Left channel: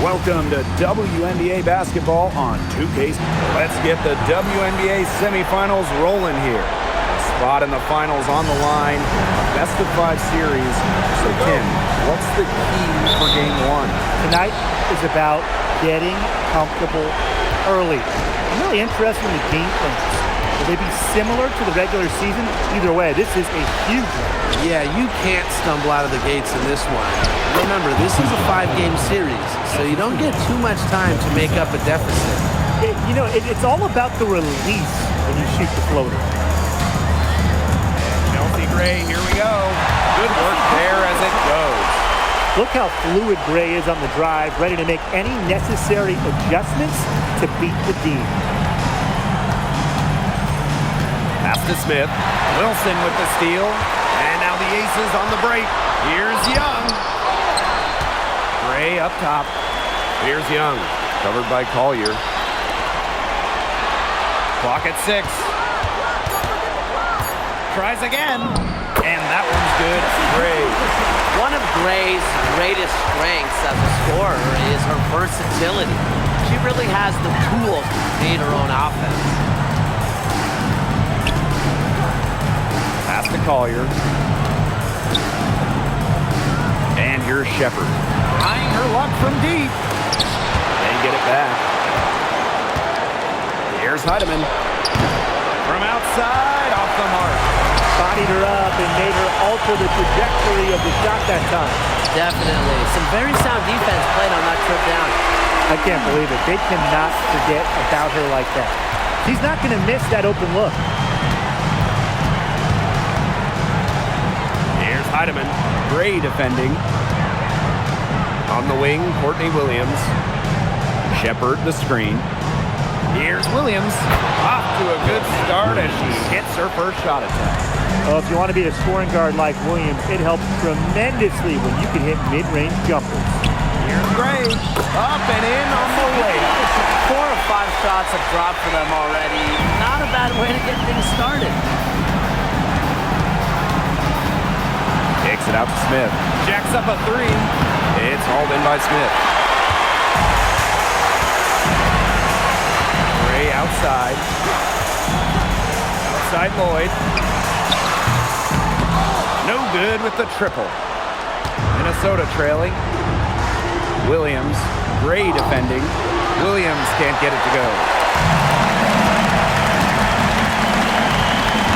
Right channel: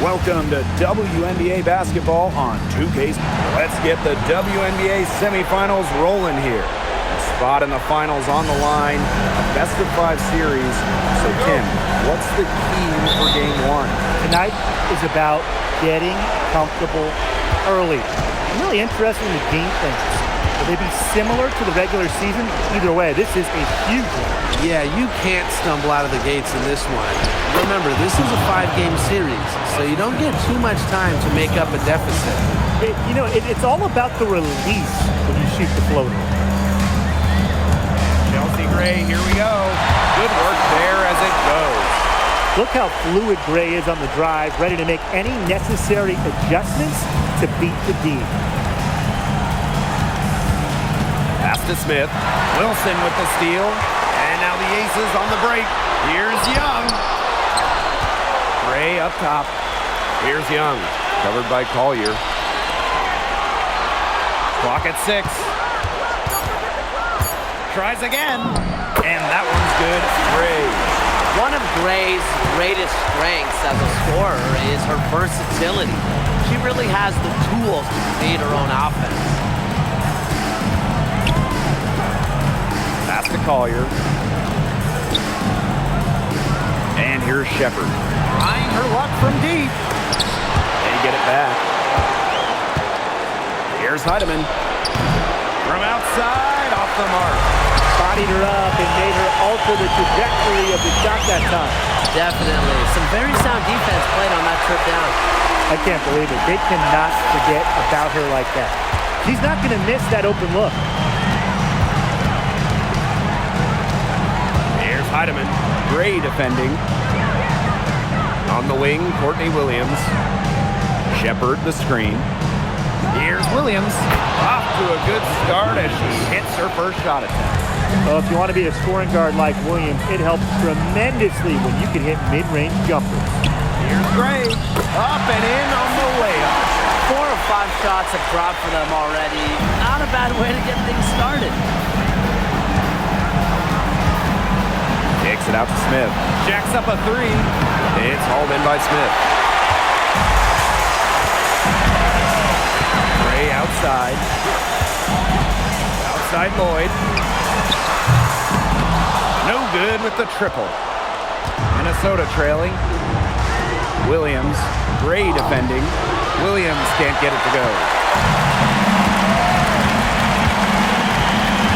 Welcome to WNBA basketball on 2K. Let's get the WNBA semifinals rolling here. A spot in the finals on the line, a best-of-5 series. So, Tim, what's the key for Game 1? Tonight is about getting comfortable early. I'm really interested in the game plans. Will they be similar to the regular season? Either way, this is a huge one. Yeah, you can't stumble out of the gates in this one. Remember, this is a 5-game series, so you don't get too much time to make up a deficit. It's all about the release when you shoot the floater. And Chelsea Gray, here we go. Good work there as it goes. Look how fluid Gray is on the drive, ready to make any necessary adjustments to beat the D. Pass to Smith. Wilson with the steal. And now the Aces on the break. Here's Young. Gray up top. Here's Young. Covered by Collier. Clock at 6. Tries again. And that one's good. Gray. One of Gray's greatest strengths as a scorer is her versatility. She really has the tools to create her own offense. Pass to Collier. And here's Shepard. Trying her luck from deep. They get it back. Here's Heidemann. From outside, off the mark. Bodied her up and made her alter the trajectory of the shot that time. Definitely. Some very sound defense played on that trip down. I can't believe it. They cannot forget about her like that. She's not going to miss that open look. Here's Heidemann. Gray defending. On the wing, Courtney Williams. Shepard the screen. Here's Williams. Off to a good start as she hits her first shot attempt. Well, if you want to be a scoring guard like Williams, it helps tremendously when you can hit mid-range jumpers. Here's Gray. Up and in on the layup. 4 or 5 shots have dropped for them already. Not a bad way to get things started. Kicks it out to Smith. Jacks up a 3. It's hauled in by Smith. Gray outside. Outside Lloyd. No good with the triple. Minnesota trailing. Williams. Gray defending. Williams can't get it to go.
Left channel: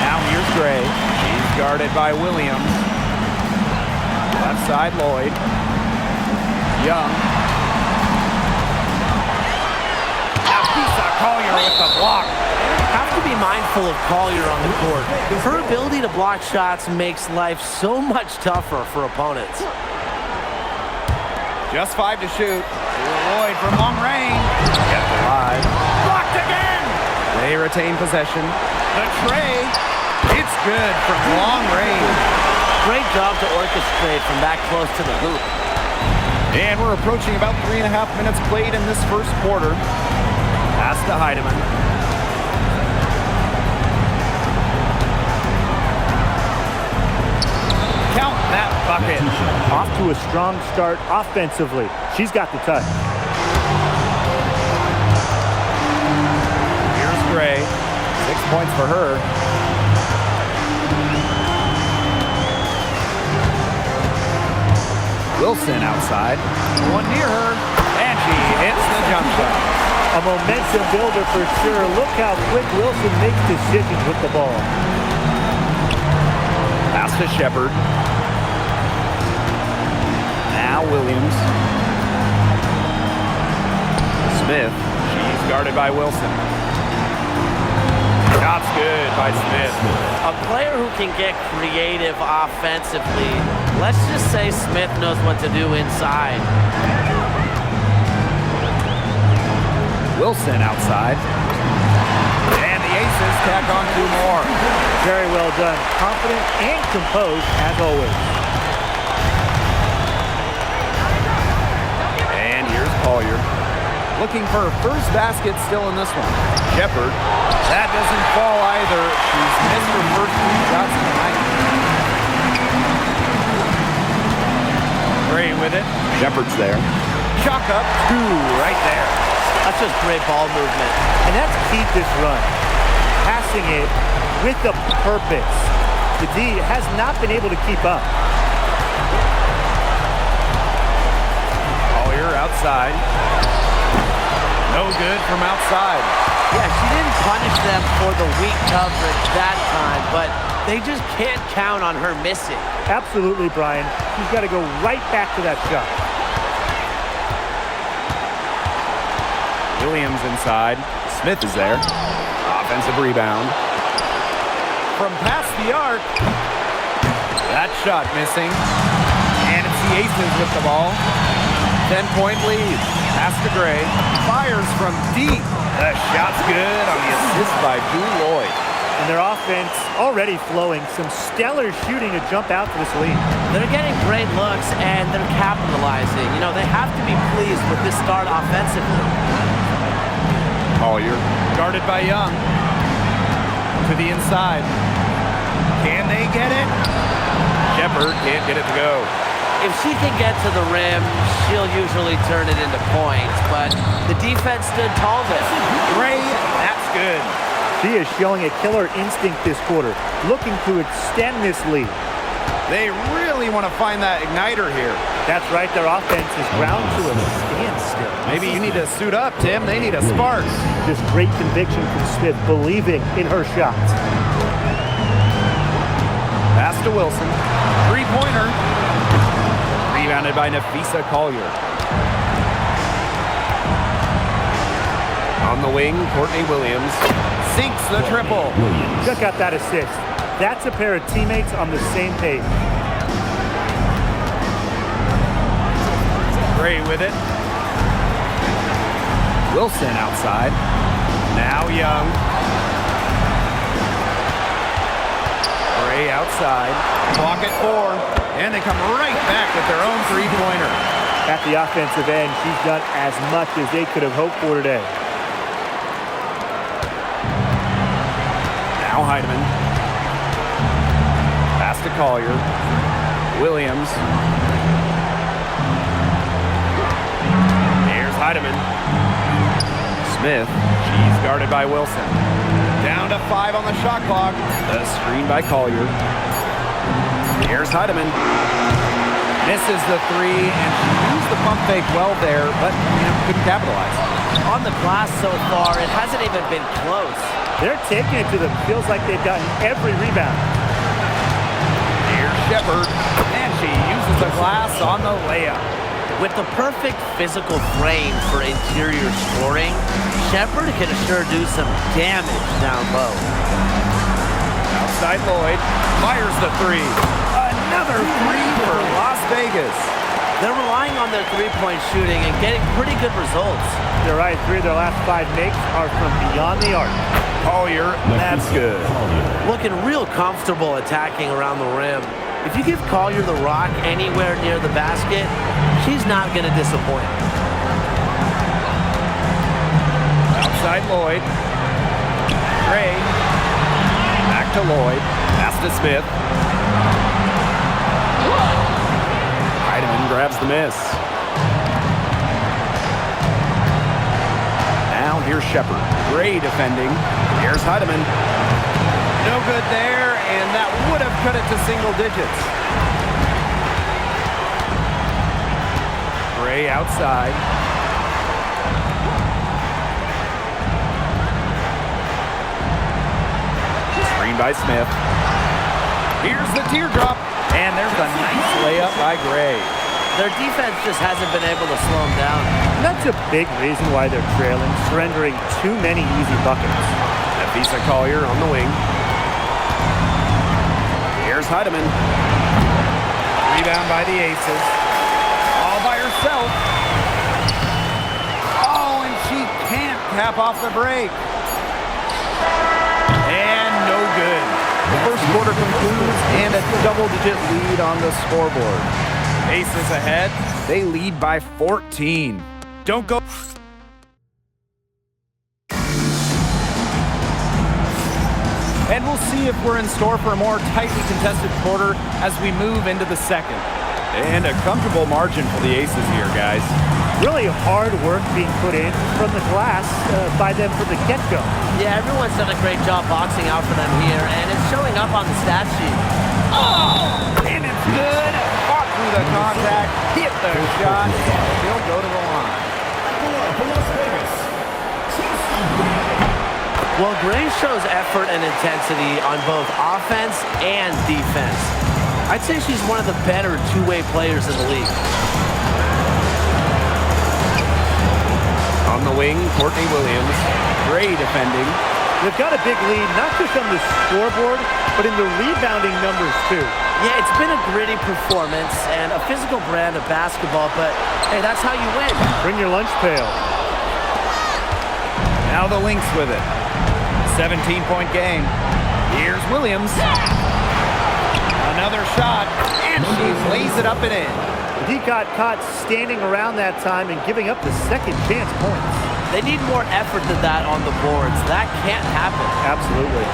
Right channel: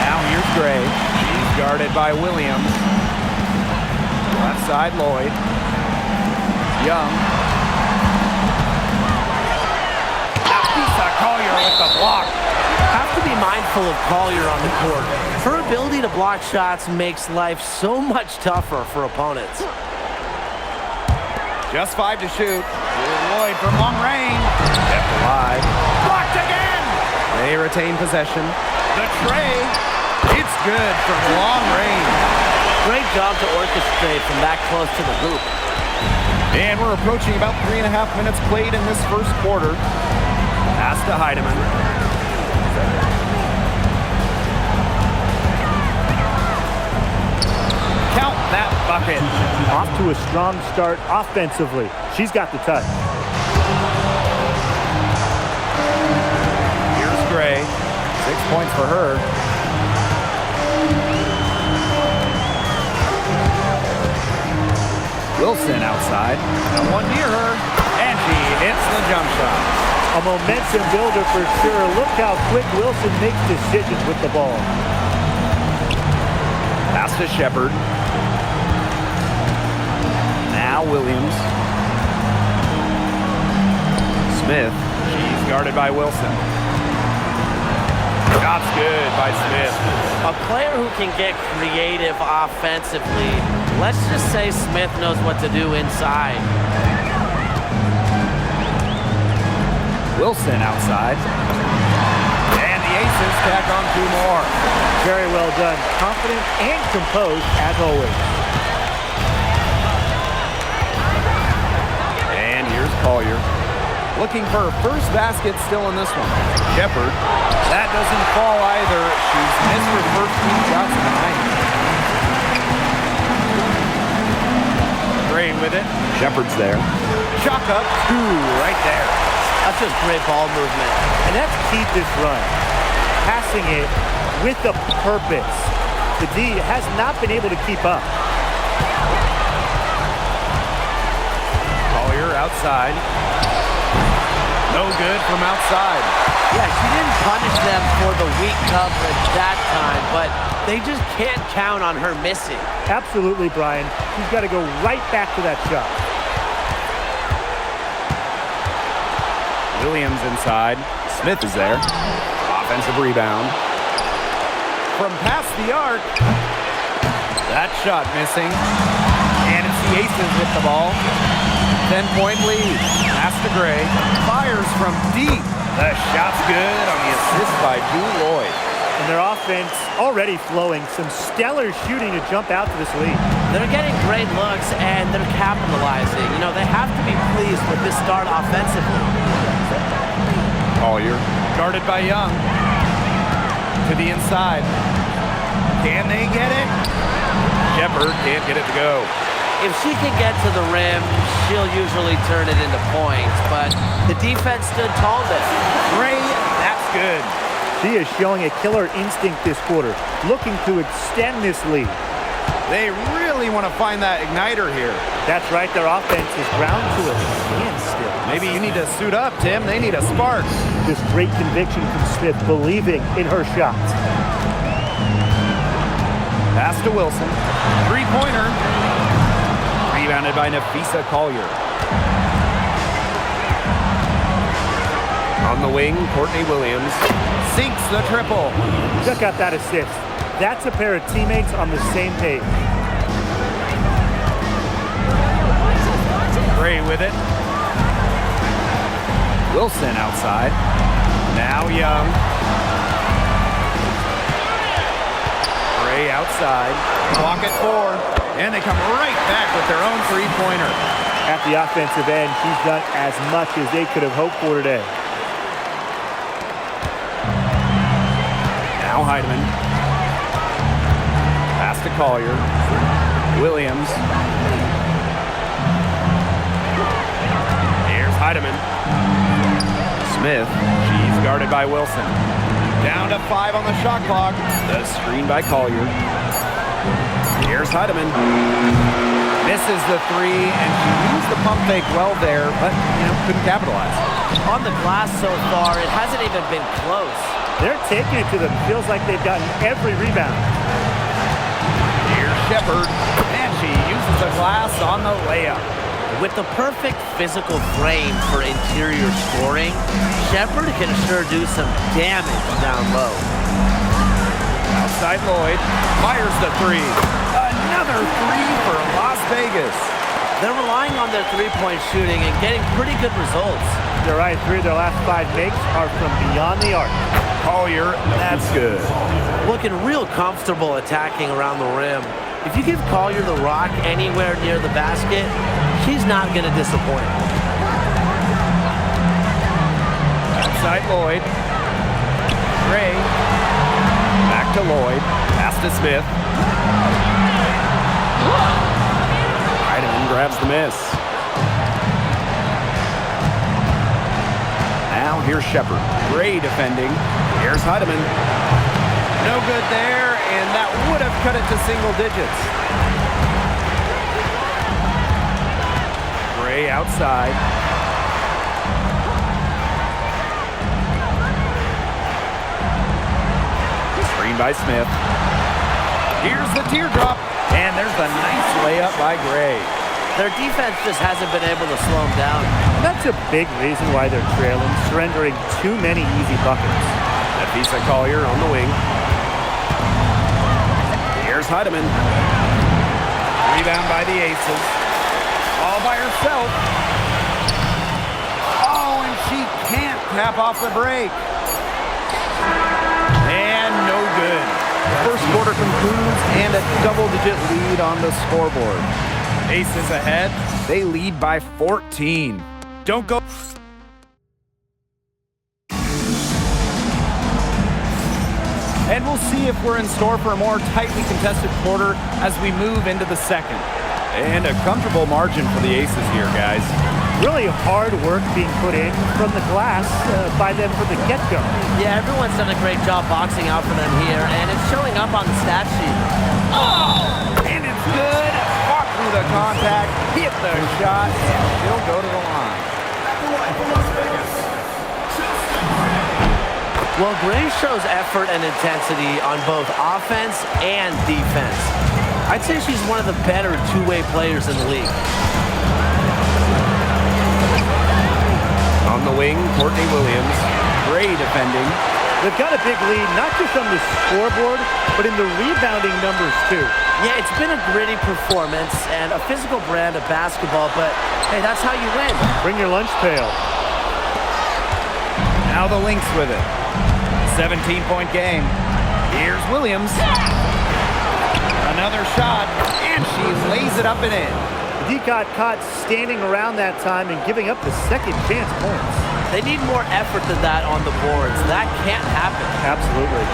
Now here's Gray. She's guarded by Williams. Left side, Lloyd. Young. Now Pisa Collier with the block. Have to be mindful of Collier on the court. Her ability to block shots makes life so much tougher for opponents. Just 5 to shoot. Lloyd from long range. Kept alive. Blocked again. They retain possession. The tray. It's good from long range. Great job to orchestrate from that close to the hoop. And we're approaching about 3.5 minutes played in this first quarter. Pass to Heidemann. Count that bucket. Off to a strong start offensively. She's got the touch. Here's Gray. 6 points for her. Wilson outside. No one near her. And she hits the jump shot. A momentum builder for sure. Look how quick Wilson makes decisions with the ball. Pass to Shepard. Now Williams. Smith. She's guarded by Wilson. Shot's good by Smith. A player who can get creative offensively. Let's just say Smith knows what to do inside. Wilson outside. And the Aces tack on 2 more. Very well done. Confident and composed as always. And here's Collier. Looking for her first basket still in this one. Shepard. That doesn't fall either. She's missed her first 2 shots of the night. Gray with it. Shepard's there. Chalk up 2 right there. That's just great ball movement. And that's key to this run. Passing it with a purpose. The D has not been able to keep up. Collier outside. No good from outside. Yeah, she didn't punish them for the weak coverage that time, but they just can't count on her missing. Absolutely, Brian. She's got to go right back to that shot. Williams inside. Smith is there. Offensive rebound. From past the arc. That shot missing. And it's the Aces with the ball. 10-point lead. Pass to Gray. Fires from deep. The shot's good on the assist by Jewel Lloyd. And their offense already flowing. Some stellar shooting to jump out to this lead. They're getting great looks, and they're capitalizing. You know, they have to be pleased with this start offensively. Collier guarded by Young. To the inside. Can they get it? Shepard can't get it to go. If she can get to the rim, she'll usually turn it into points, but the defense stood tall there. Gray, that's good. She is showing a killer instinct this quarter, looking to extend this lead. They really want to find that igniter here. That's right, their offense is ground to a standstill. Maybe you need to suit up, Tim. They need a spark. Just great conviction from Smith, believing in her shots. Pass to Wilson. Three-pointer. Rebounded by Nafisa Collier. On the wing, Courtney Williams sinks the triple. Check out that assist. That's a pair of teammates on the same page. Gray with it. Wilson outside. Now Young. Gray outside. Clock at 4. And they come right back with their own three-pointer. At the offensive end, she's done as much as they could have hoped for today. Now Heidemann. Pass to Collier. Williams. Here's Heidemann. Smith. She's guarded by Wilson. Down to 5 on the shot clock. The screen by Collier. Here's Heidemann. Misses the 3, and she used the pump fake well there, but, couldn't capitalize. On the glass so far, it hasn't even been close. They're taking it to them. Feels like they've gotten every rebound. Here's Shepard, and she uses the glass on the layup. With the perfect physical frame for interior scoring, Shepard can sure do some damage down low. Outside Lloyd, fires the 3. Another 3 for Las Vegas. They're relying on their three-point shooting and getting pretty good results. They're right. 3 of their last 5 makes are from beyond the arc. Collier, that's good. Looking real comfortable attacking around the rim. If you give Collier the rock anywhere near the basket, she's not going to disappoint. Outside Lloyd. Gray. Back to Lloyd. Pass to Smith. Heidemann grabs the miss. Now here's Shepard. Gray defending. Here's Heidemann. No good there, and that would have cut it to single digits. Gray outside. Screen by Smith. Here's the teardrop, and there's the nice layup by Gray. Their defense just hasn't been able to slow them down. And that's a big reason why they're trailing, surrendering too many easy buckets. Nafisa Collier on the wing. Here's Heidemann. Rebound by the Aces. All by herself. Oh, and she can't cap off the break. And no good. The first quarter concludes and a double-digit lead on the scoreboard. Aces ahead. They lead by 14. Don't go. And we'll see if we're in store for a more tightly contested quarter as we move into the second. And a comfortable margin for the Aces here, guys. Really hard work being put in from the glass by them from the get-go. Yeah, everyone's done a great job boxing out for them here, and it's showing up on the stat sheet. Oh! And it's good. Fought through the contact, hit the shot, and she'll go to the line. Well, Gray shows effort and intensity on both offense and defense. I'd say she's one of the better two-way players in the league. On the wing, Courtney Williams. Gray defending. They've got a big lead, not just on the scoreboard, but in the rebounding numbers, too. Yeah, it's been a gritty performance and a physical brand of basketball, but hey, that's how you win. Bring your lunch pail. Now the Lynx with it. 17-point game. Here's Williams. Another shot, and she lays it up and in. He got caught standing around that time and giving up the second chance points. They need more effort than that on the boards. That can't happen. Absolutely.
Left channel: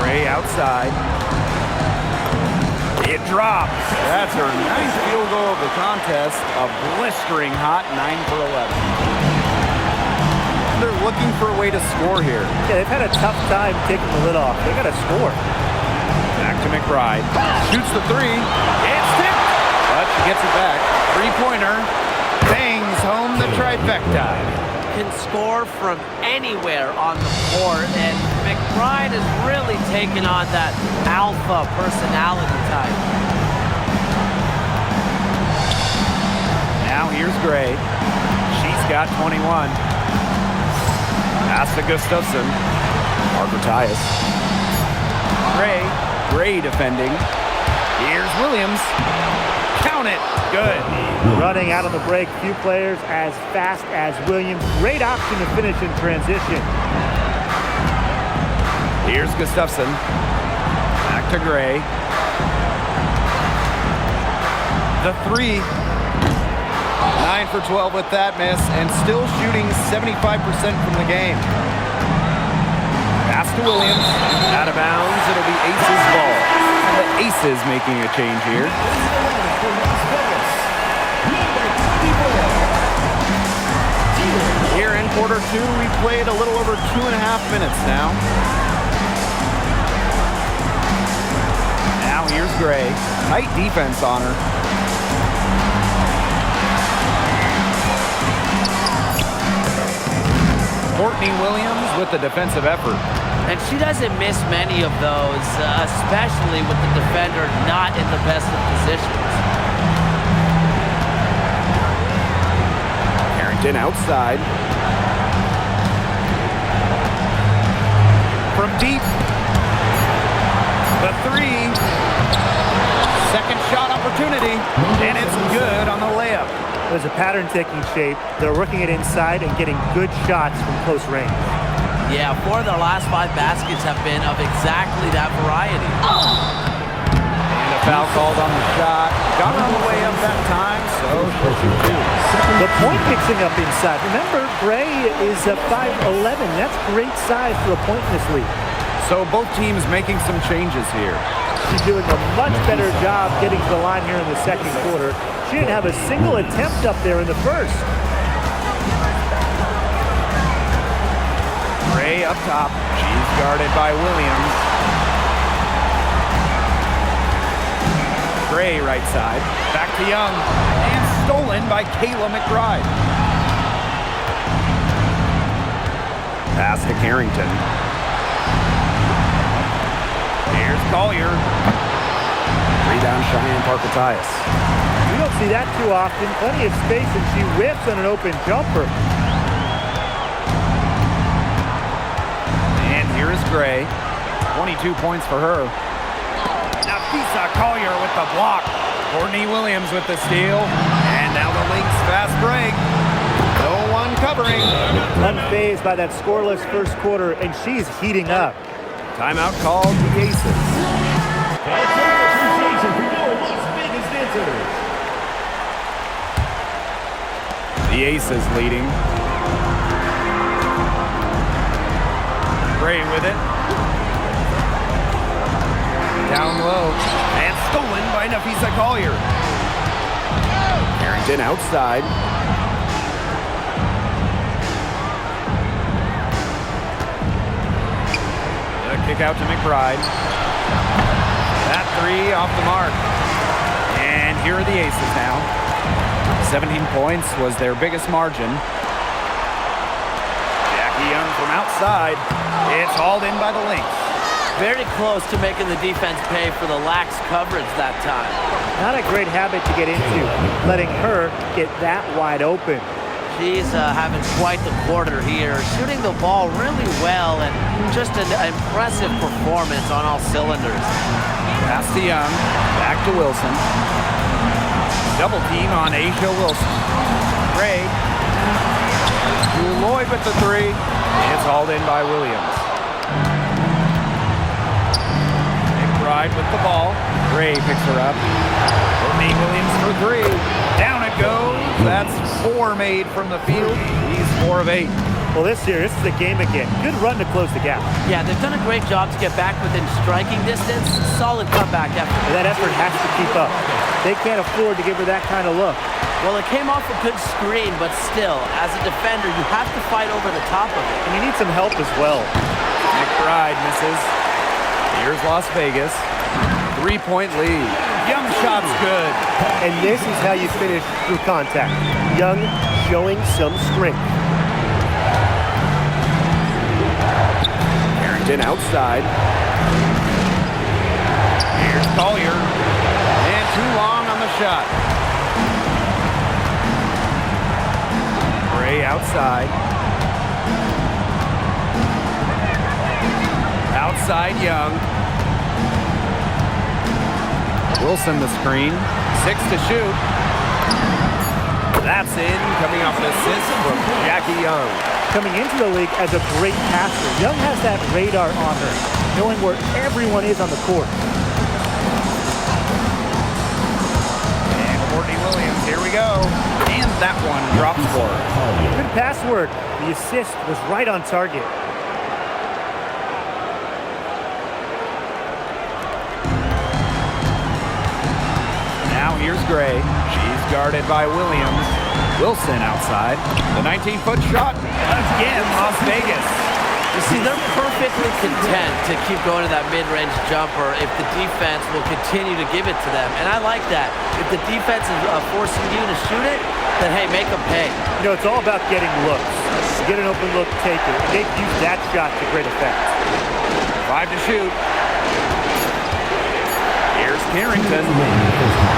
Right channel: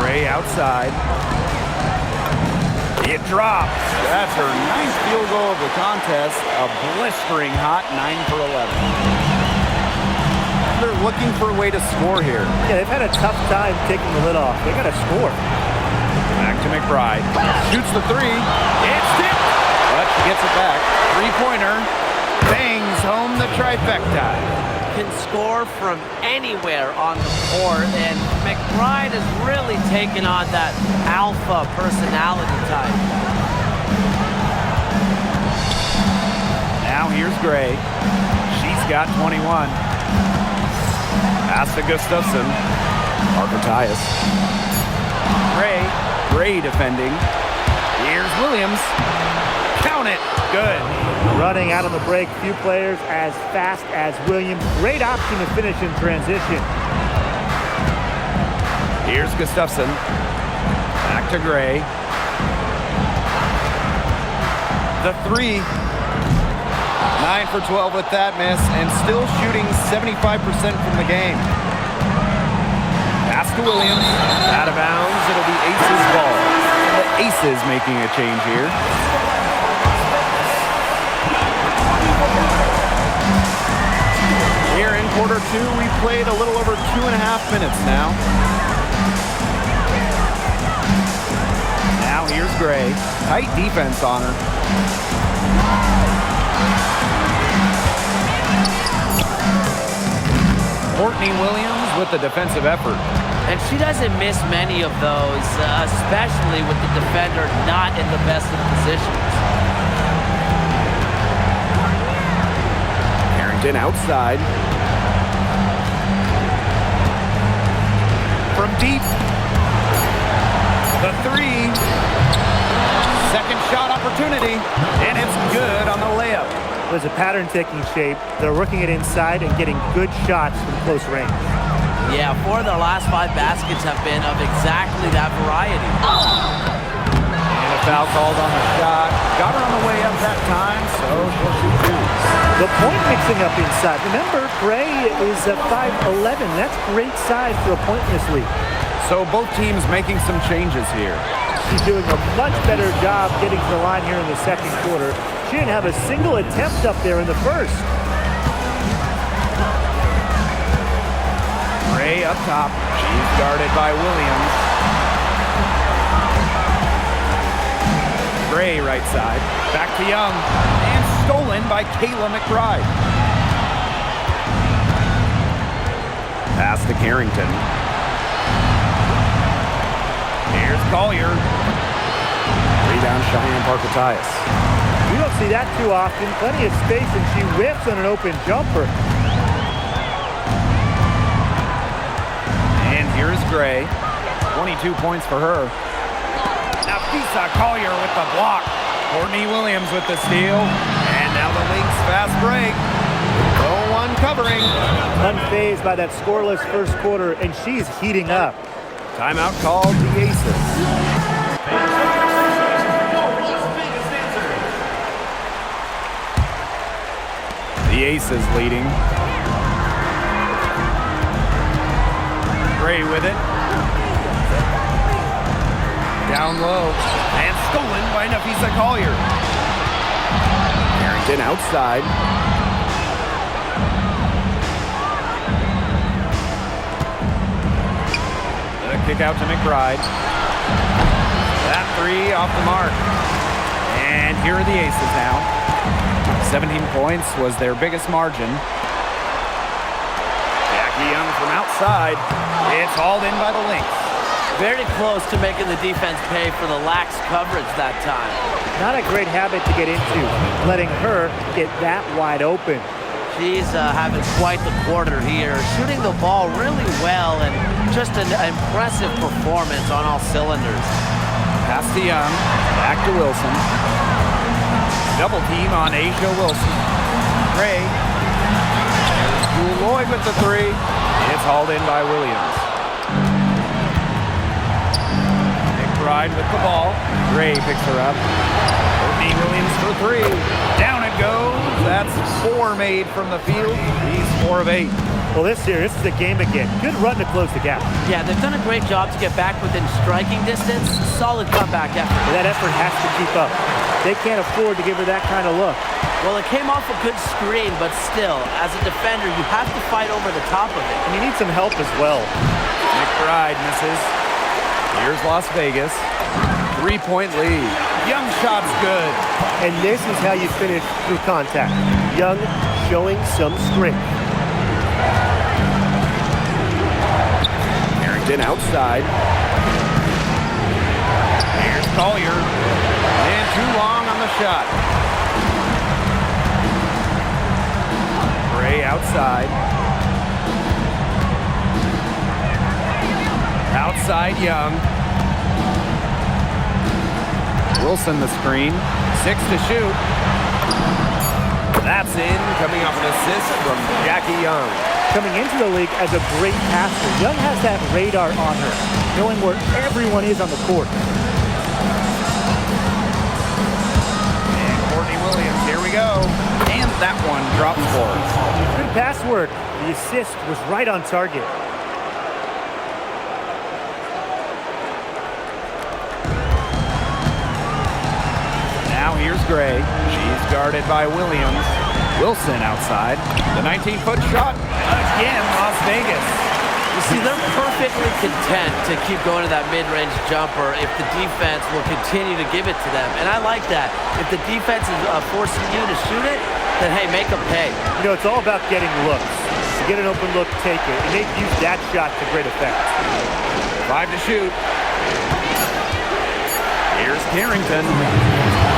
Gray outside. It drops. That's her 9th field goal of the contest. A blistering hot 9 for 11. And they're looking for a way to score here. Yeah, they've had a tough time taking the lid off. They got to score. Back to McBride. Shoots the three. It's tipped. But she gets it back. Three-pointer. Bangs home the trifecta. Can score from anywhere on the court, and McBride has really taken on that alpha personality type. Now here's Gray. She's got 21. Pass to Gustafson. Parker Tyus. Gray defending. Here's Williams. Count it. Good. Running out on the break. Few players as fast as Williams. Great option to finish in transition. Here's Gustafson. Back to Gray. The three. 9 for 12 with that miss, and still shooting 75% from the game. Pass to Williams. Out of bounds. It'll be Aces ball. And the Aces making a change here. Here in quarter 2, we've played a little over 2.5 minutes now. Now here's Gray. Tight defense on her. Courtney Williams with the defensive effort. And she doesn't miss many of those, especially with the defender not in the best of positions. Carrington outside. From deep. The three. Second shot opportunity. And it's good on the layup. There's a pattern taking shape. They're working it inside and getting good shots from close range. Yeah, 4 of their last 5 baskets have been of exactly that variety. And a foul called on the shot. Got her on the way up that time, so she'll shoot 2. The point mixing up inside. Remember, Gray is a 5'11". That's great size for a point in this league. So both teams making some changes here. She's doing a much better job getting to the line here in the second quarter. She didn't have a single attempt up there in the first. Gray up top. She's guarded by Williams. Gray right side. Back to Young. And stolen by Kayla McBride. Pass to Carrington. Here's Collier. Rebound Cheyenne Parker Tyus. You don't see that too often. Plenty of space, and she whips on an open jumper. And here is Gray. 22 points for her. Nafisa Collier with the block. Courtney Williams with the steal. And now the Lynx fast break. No one covering. Unfazed by that scoreless first quarter, and she's heating up. Timeout called the Aces. The Aces leading. Gray with it. Down low. And stolen by Nafisa Collier. Carrington outside. The kick out to McBride. That three off the mark. And here are the aces now. 17 points was their biggest margin. Jackie Young from outside. It's hauled in by the Lynx. Very close to making the defense pay for the lax coverage that time. Not a great habit to get into, letting her get that wide open. She's having quite the quarter here, shooting the ball really well and just an impressive performance on all cylinders. Pass to Young, back to Wilson. Double team on Asia Wilson. Gray. There's Jewel Lloyd with the three. It's hauled in by Williams. McBride with the ball. Gray picks her up. Courtney Williams for three. Down it goes. That's four made from the field. He's 4 of 8. Well, this is the game again. Good run to close the gap. Yeah, they've done a great job to get back within striking distance. Solid comeback effort. But that effort has to keep up. They can't afford to give her that kind of look. Well, it came off a good screen, but still, as a defender, you have to fight over the top of it. And you need some help as well. McBride misses. Here's Las Vegas. 3-point lead. Young shot's good. And this is how you finish through contact. Young showing some strength. Carrington outside. Here's Collier. And too long on the shot. Gray outside. Outside Young. Wilson the screen. 6 to shoot. That's in, coming off an assist from Jackie Young. Coming into the league as a great passer, Young has that radar on her, knowing where everyone is on the court. And Courtney Williams, here we go. And that one drops for her. Good pass work. The assist was right on target. Now here's Gray. She's guarded by Williams. Wilson outside. The 19-foot shot. Again, Las Vegas. You see, they're perfectly content to keep going to that mid-range jumper if the defense will continue to give it to them. And I like that. If the defense is forcing you to shoot it, then, hey, make them pay. You know, it's all about getting looks. You get an open look, take it. And they've used that shot to great effect. 5 to shoot. Here's Carrington.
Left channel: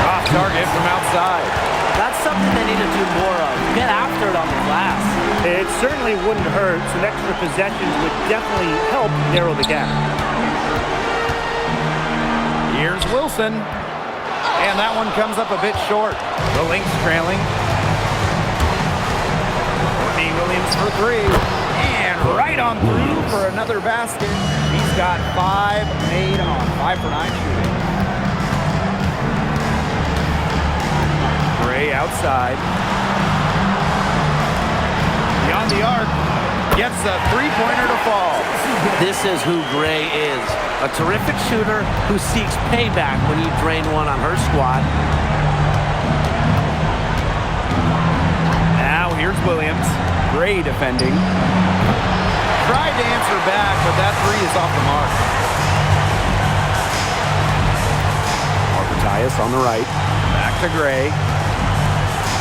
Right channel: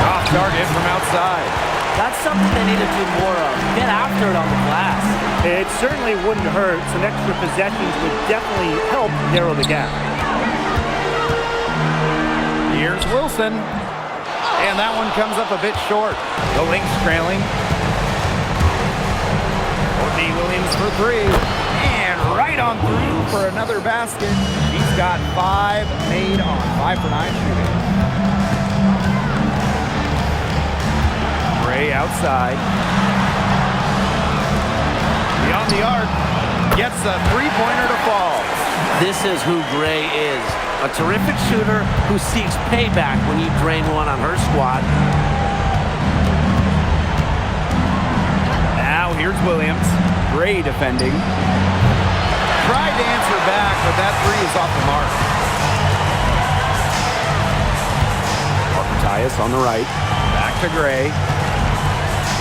Off target from outside. That's something they need to do more of. Get after it on the glass. It certainly wouldn't hurt. Some extra possessions would definitely help narrow the gap. Here's Wilson. And that one comes up a bit short. The Lynx trailing. Courtney Williams for three. And right on through for another basket. She's got 5 made on 5 for 9 shooting. Gray outside. Beyond the arc. Gets a three-pointer to fall. This is who Gray is. A terrific shooter who seeks payback when you drain one on her squad. Now here's Williams. Gray defending. Tried to answer back, but that three is off the mark. Parker Tyus on the right. Back to Gray.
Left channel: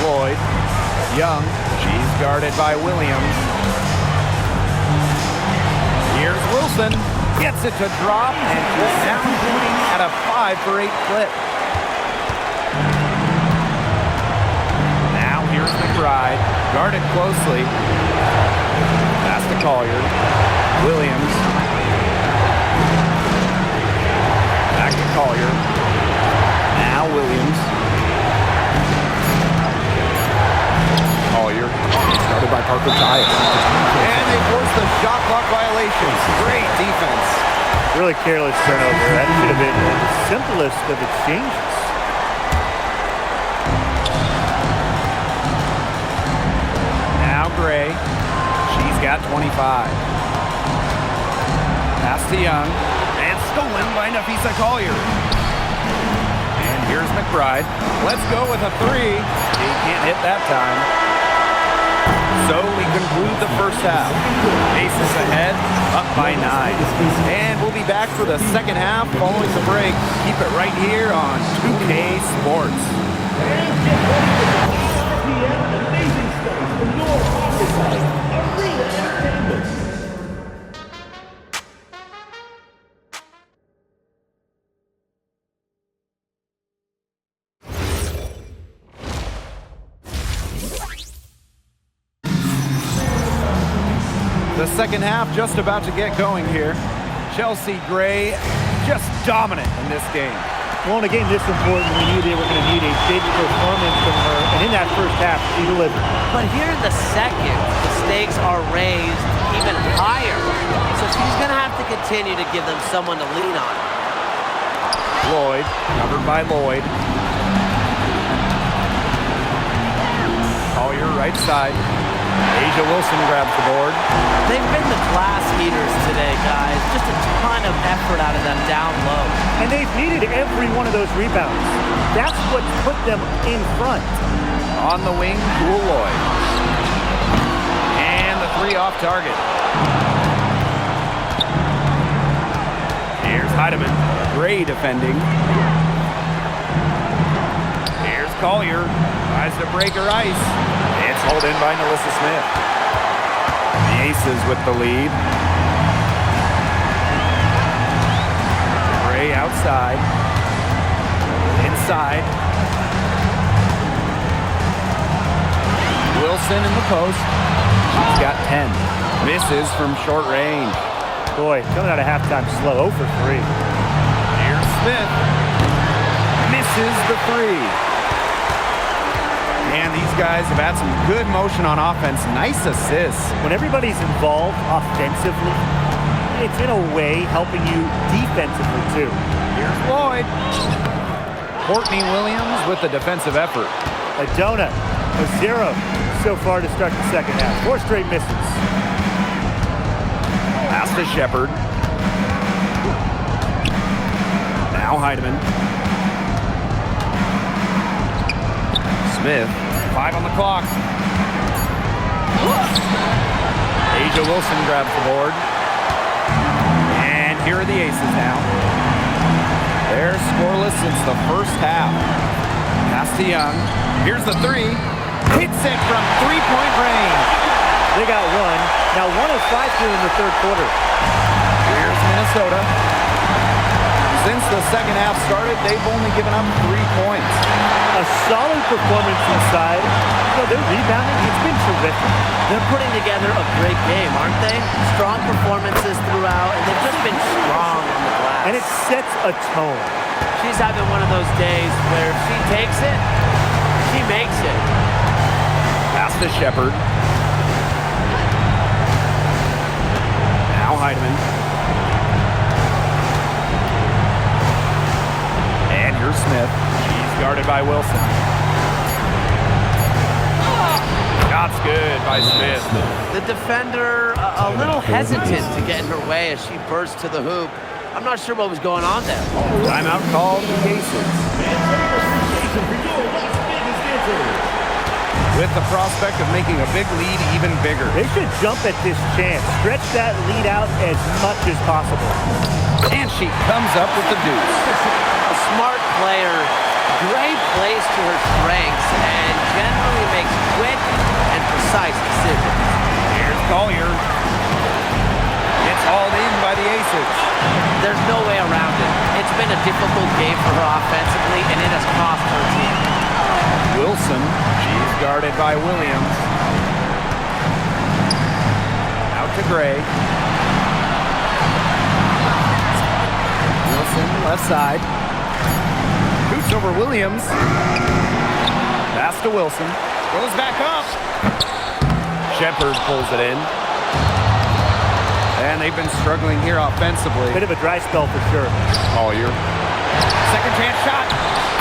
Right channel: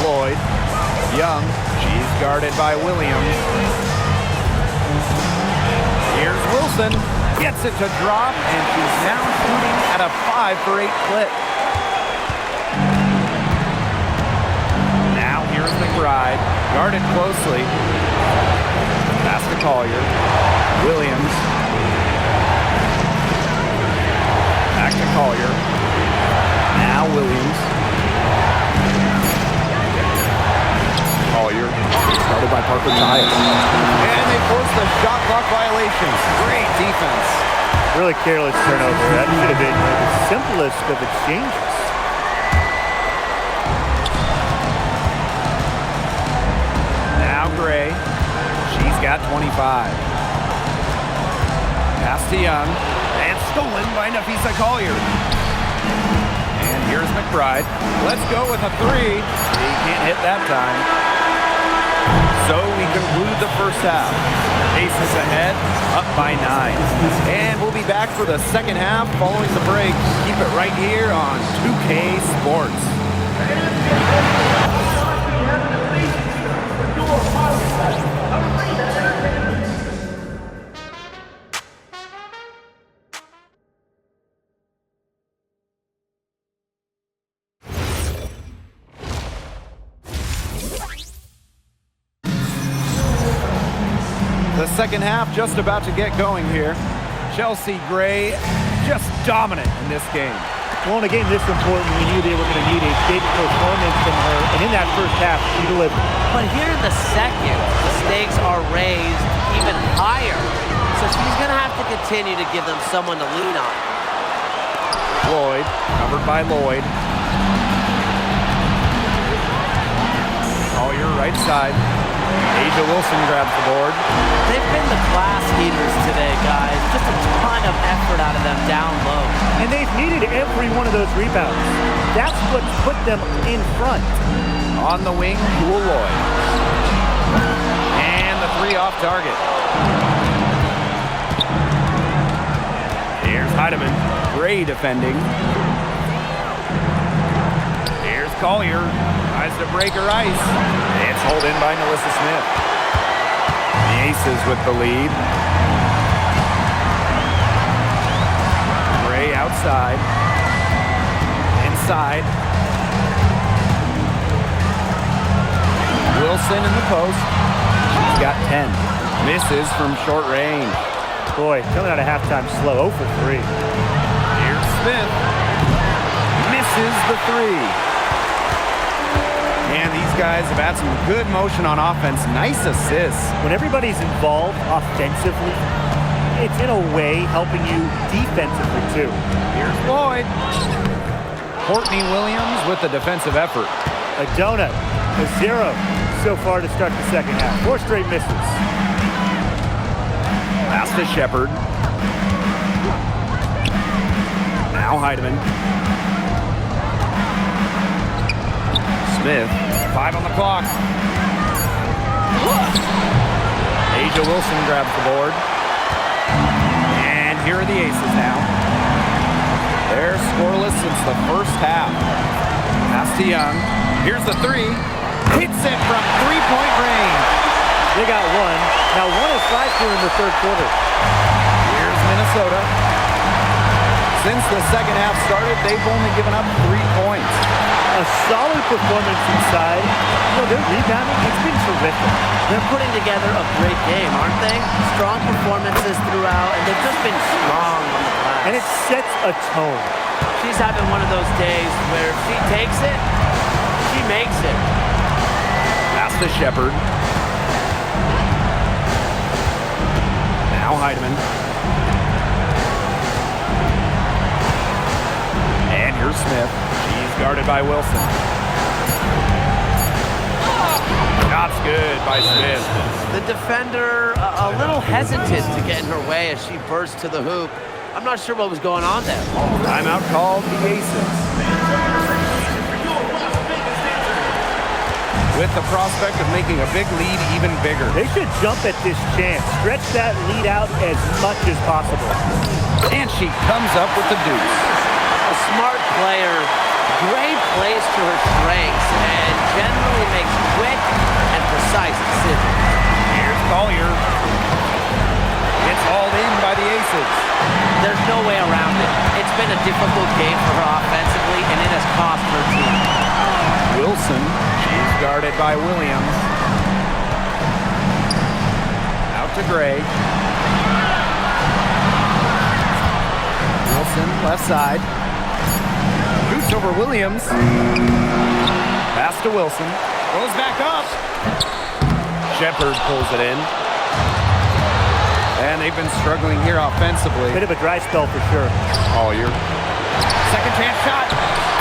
Lloyd. Young. She's guarded by Williams. Here's Wilson. Gets it to drop, and she's now shooting at a 5 for 8 clip. Now here's McBride. Guarded closely. Pass to Collier. Williams. Back to Collier. Now Williams. Collier. Started by Parker Tyus. And they force the shot clock violations. Great defense. Really careless turnover. That should have been the simplest of exchanges. Now Gray. She's got 25. Pass to Young. And stolen by Nafisa Collier. And Here's McBride. Let's go with a three. He can't hit that time. So we conclude the first half. Aces ahead, up by 9. And we'll be back for the second half following the break. Keep it right here on 2K Sports. The second half just about to get going here. Chelsea Gray just dominant in this game. Well, in a game this important, we knew they were going to need a big performance from her, and in that first half, she delivered. But here in the second, the stakes are raised even higher. So she's going to have to continue to give them someone to lean on. Lloyd, covered by Lloyd. Collier, right side. Asia Wilson grabs the board. They've been the class heaters today, guys. Just a ton of effort out of them down low. And they've needed every one of those rebounds. That's what's put them in front. On the wing, Jewel Lloyd. And the three off target. Here's Heidemann. Gray defending. Here's Collier. Tries to break her ice. It's hauled in by Nalissa Smith. The Aces with the lead. Gray outside. Inside. Wilson in the post. She's got 10. Misses from short range. Boy, coming out of halftime slow, 0 for 3. Here's Smith. Misses the three. And these guys have had some good motion on offense. Nice assists. When everybody's involved offensively, it's in a way helping you defensively too. Here's Lloyd. Courtney Williams with the defensive effort. A donut, a 0 so far to start the second half. 4 straight misses. Pass to Shepard. Now Heidemann. Smith, 5 on the clock. Asia Wilson grabs the board. And here are the Aces now. They're scoreless since the first half. Pass to Young. Here's the three. Hits it from three-point range. They got one. Now 1 of 5 here in the third quarter. Here's Minnesota. Since the second half started, they've only given up 3 points. A solid performance inside. You know, their rebounding, it's been terrific. They're putting together a great game, aren't they? Strong performances throughout, and they've just been strong on the glass. And it sets a tone. She's having one of those days where if she takes it, she makes it. Pass to Shepard. Now Heidemann. And here's Smith. She's guarded by Wilson. Shot's good by Smith. The defender a little hesitant to get in her way as she burst to the hoop. I'm not sure what was going on there. Timeout called the Aces. With the prospect of making a big lead even bigger. They should jump at this chance. Stretch that lead out as much as possible. And she comes up with the deuce. A smart player. Gray plays to her strengths and generally makes quick and precise decisions. Here's Collier. It's hauled in by the Aces. There's no way around it. It's been a difficult game for her offensively, and it has cost her team. Wilson, she's guarded by Williams. Out to Gray. Wilson, left side. Shoots over Williams. Pass to Wilson. Goes back up. Shepard pulls it in. And they've been struggling here offensively. Bit of a dry spell for sure. Collier. Second chance shot.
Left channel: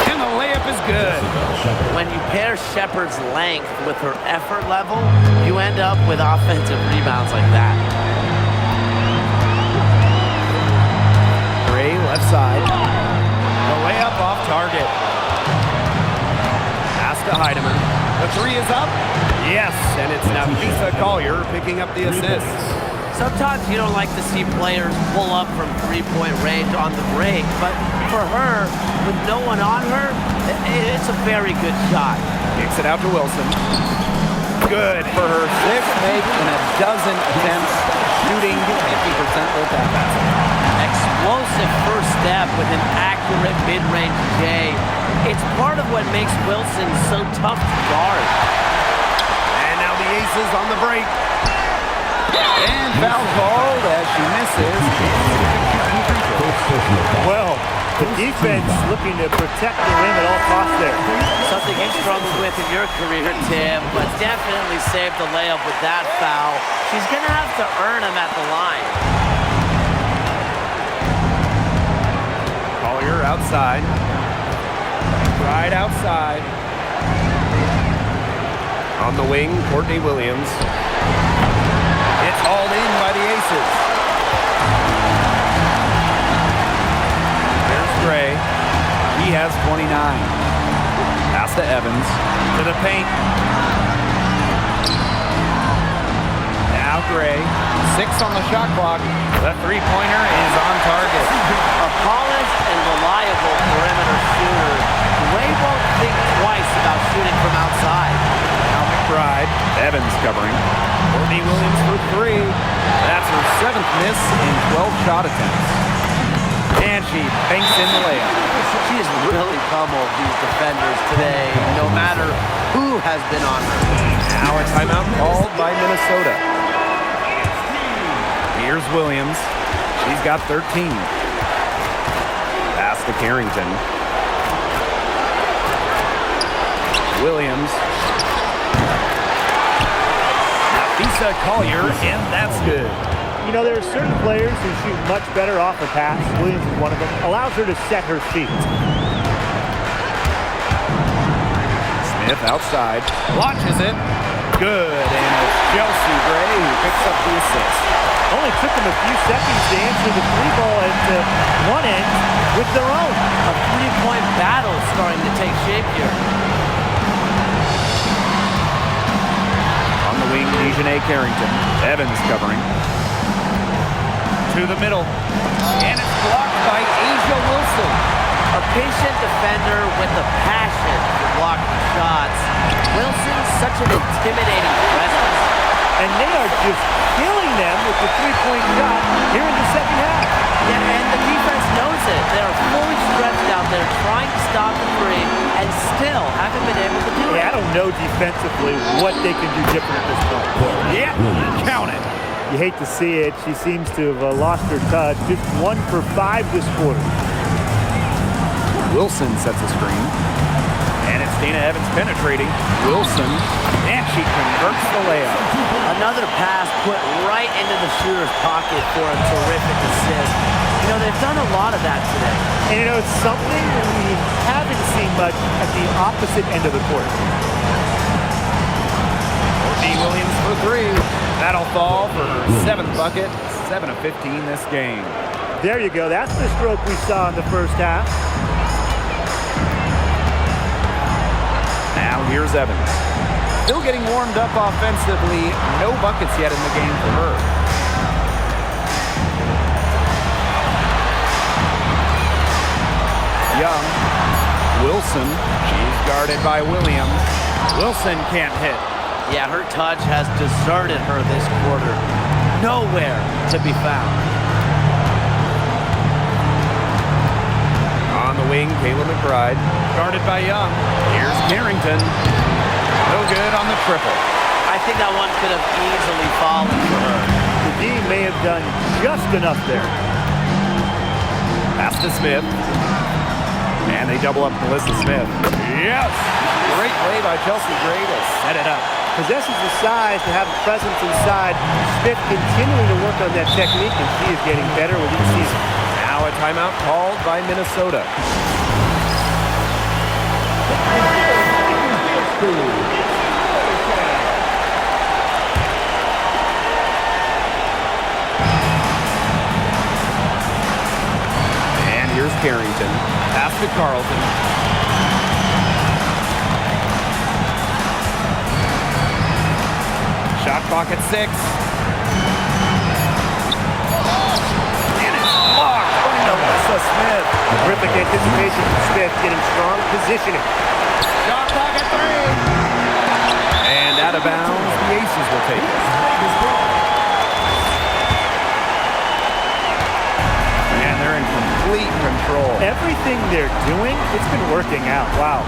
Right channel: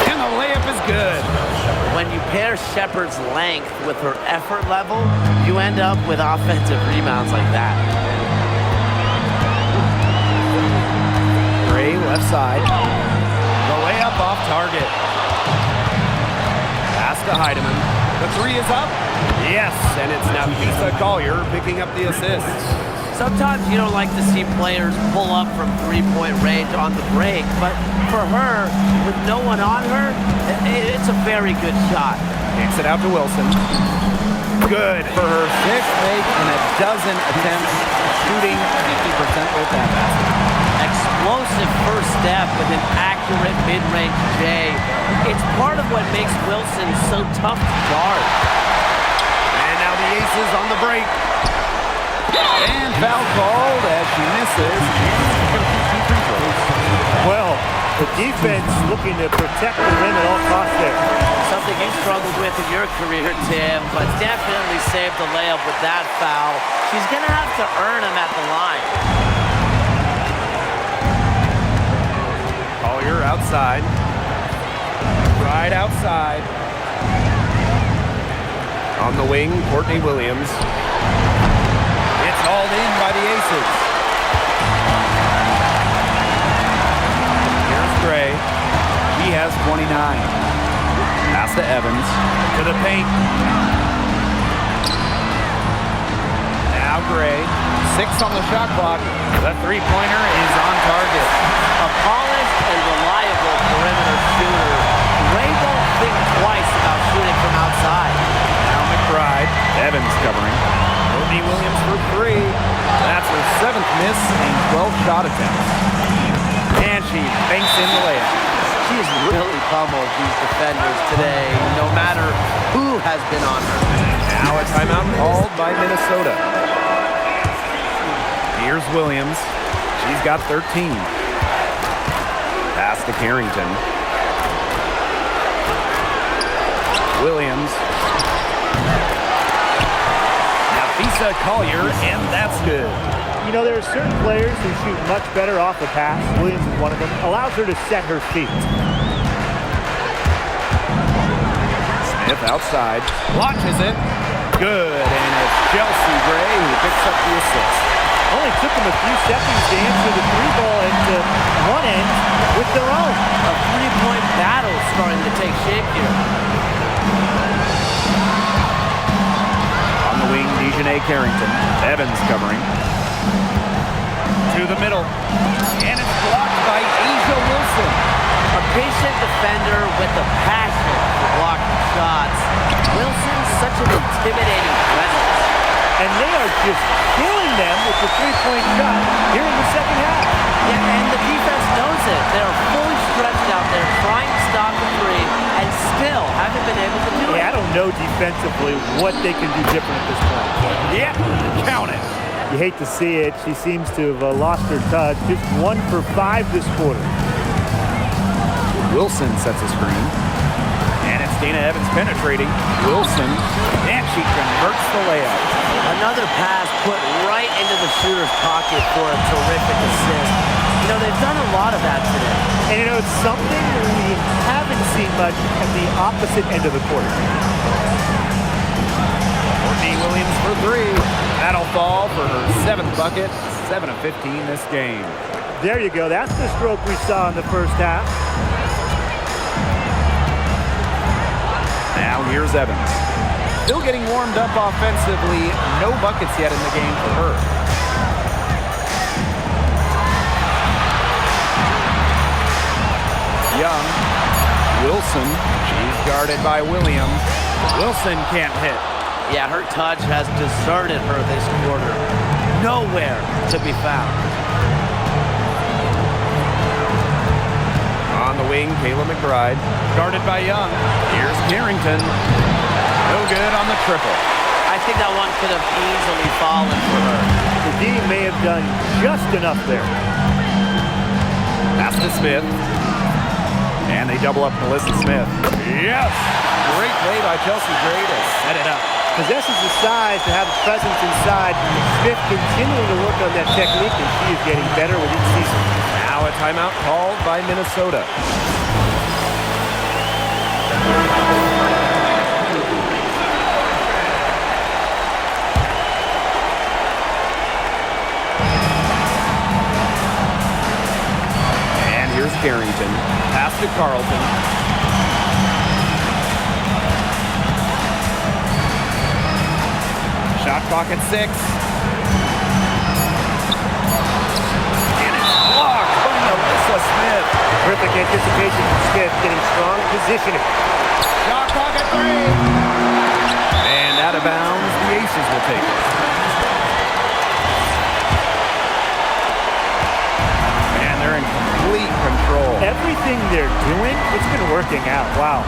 And the layup is good. When you pair Shepard's length with her effort level, you end up with offensive rebounds like that. Gray, left side. The layup off target. Pass to Heidemann. The three is up. Yes, and it's Nafisa Collier picking up the assist. Sometimes you don't like to see players pull up from three-point range on the break, but for her, with no one on her, it's a very good shot. Kicks it out to Wilson. Good for her sixth make in a dozen attempts, shooting 50% with that basket. Explosive first step with an accurate mid-range J. It's part of what makes Wilson so tough to guard. And now the Aces on the break. And foul called as she misses. And going to shoot 2 free throws. Well, the defense looking to protect the rim at all costs there. Something you struggled with in your career, Tim, but definitely saved the layup with that foul. She's going to have to earn them at the line. Collier outside. Right outside. On the wing, Courtney Williams. It's hauled in by the Aces. Here's Gray. He has 29. Pass to Evans. To the paint. Now Gray. 6 on the shot clock. The three-pointer is on target. A polished and reliable perimeter shooter. Gray won't think twice about shooting from outside. Now McBride. Evans covering. Courtney Williams for 3. That's her 7th miss in 12 shot attempts. And she banks in the layup. She has really pummeled these defenders today, no matter who has been on her. Now a timeout called by Minnesota. Here's Williams. She's got 13. Pass to Carrington. Williams. Nafisa Collier, and that's good. You know, there are certain players who shoot much better off the pass. Williams is one of them. Allows her to set her feet. Smith outside. Launches it. Good, and it's Chelsea Gray who picks up the assist. Only took them a few seconds to answer the three ball at one end with their own. A three-point battle starting to take shape here. On the wing, Dejanay Carrington. Evans covering. To the middle. And it's blocked by Asia Wilson. A patient defender with a passion for blocking shots. Wilson's such an intimidating presence. And they are just killing them with the three-point shot here in the second half. Yeah, and the defense knows it. They're fully stretched out there trying to stop the three and still haven't been able to do it. I don't know defensively what they can do different at this point. Yep, count it. You hate to see it. She seems to have lost her touch. Just 1 for 5 this quarter. Wilson sets a screen. And it's Dana Evans penetrating. Wilson, and she converts the layup. Another pass put right into the shooter's pocket for a terrific assist. You know, they've done a lot of that today. And you know, it's something we haven't seen much at the opposite end of the court. Courtney Williams for 3. That'll fall for her 7th bucket. 7 of 15 this game. There you go. That's the stroke we saw in the first half. Now here's Evans. Still getting warmed up offensively. No buckets yet in the game for her. Young. Wilson. She's guarded by Williams. Wilson can't hit. Yeah, her touch has deserted her this quarter. Nowhere to be found. On the wing, Kayla McBride. Guarded by Young. Here's Carrington. No good on the triple. I think that one could have easily fallen for her. The D may have done just enough there. Pass to Smith. And they double up Melissa Smith. Yes! Great play by Chelsea Gray to set it up. Possesses the size to have a presence inside. Smith continuing to work on that technique, and she is getting better with each season. Now a timeout called by Minnesota. And here's Carrington. Pass to Carlton. Shot clock at 6. And it's blocked by Alyssa Smith. Terrific anticipation from Smith, getting strong positioning. Shot clock at 3. And out of bounds, the Aces will take it. Man, they're in complete control. Everything they're doing, it's been working out. Wow.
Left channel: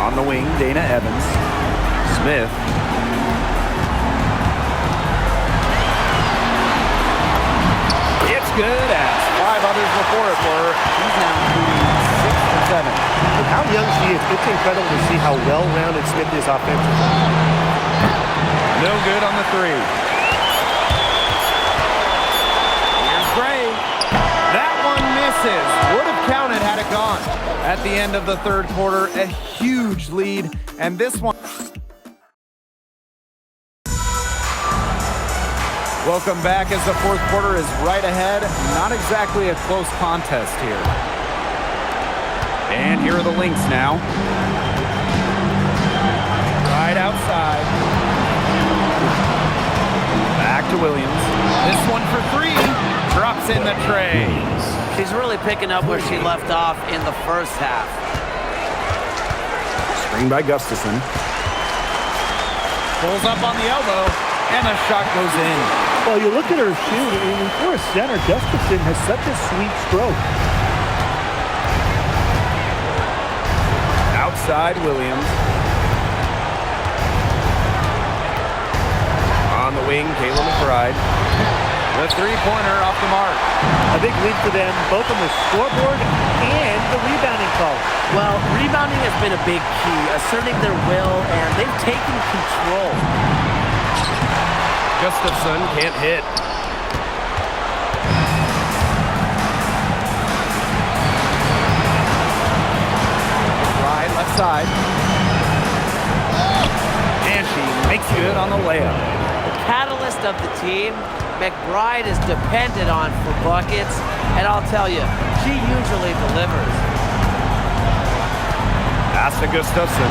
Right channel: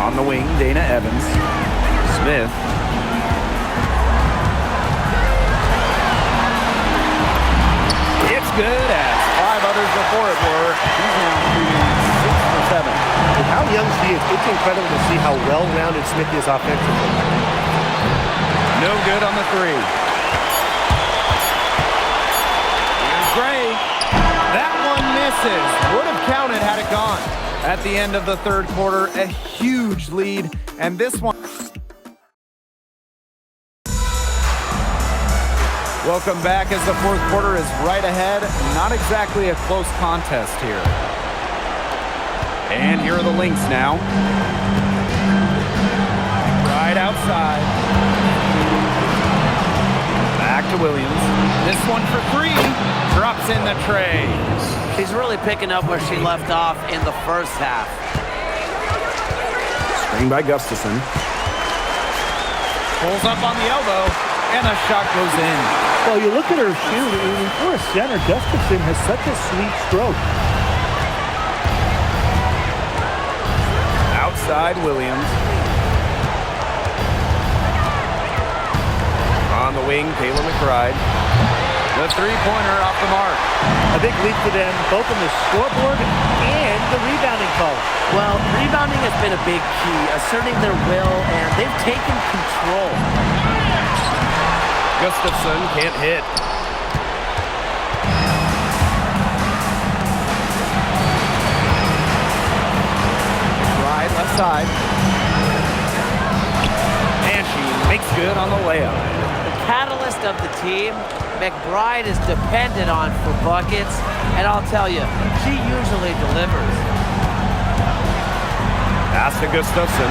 On the wing, Dana Evans. Smith. It's good, as 5 others before it were. He's now shooting 6 for 7. With how young she is, it's incredible to see how well-rounded Smith is offensively. No good on the 3. Here's Gray. That one misses. Would have counted had it gone. At the end of the third quarter, a huge lead, and this one. Welcome back as the fourth quarter is right ahead. Not exactly a close contest here. And here are the Lynx now. Right outside. Back to Williams. This one for 3. Drops in the tray. She's really picking up where she left off in the first half. Screen by Gustafson. Pulls up on the elbow, and the shot goes in. Well, you look at her shoot, and for a center, Gustafson has such a sweet stroke. Outside Williams. On the wing, Kayla McBride. The three-pointer off the mark. A big lead for them, both on the scoreboard and the rebounding column. Well, rebounding has been a big key, asserting their will, and they've taken control. Gustafson can't hit. McBride left side. And she makes good on the layup. The catalyst of the team, McBride is depended on for buckets, and I'll tell you, she usually delivers. Pass to Gustafson.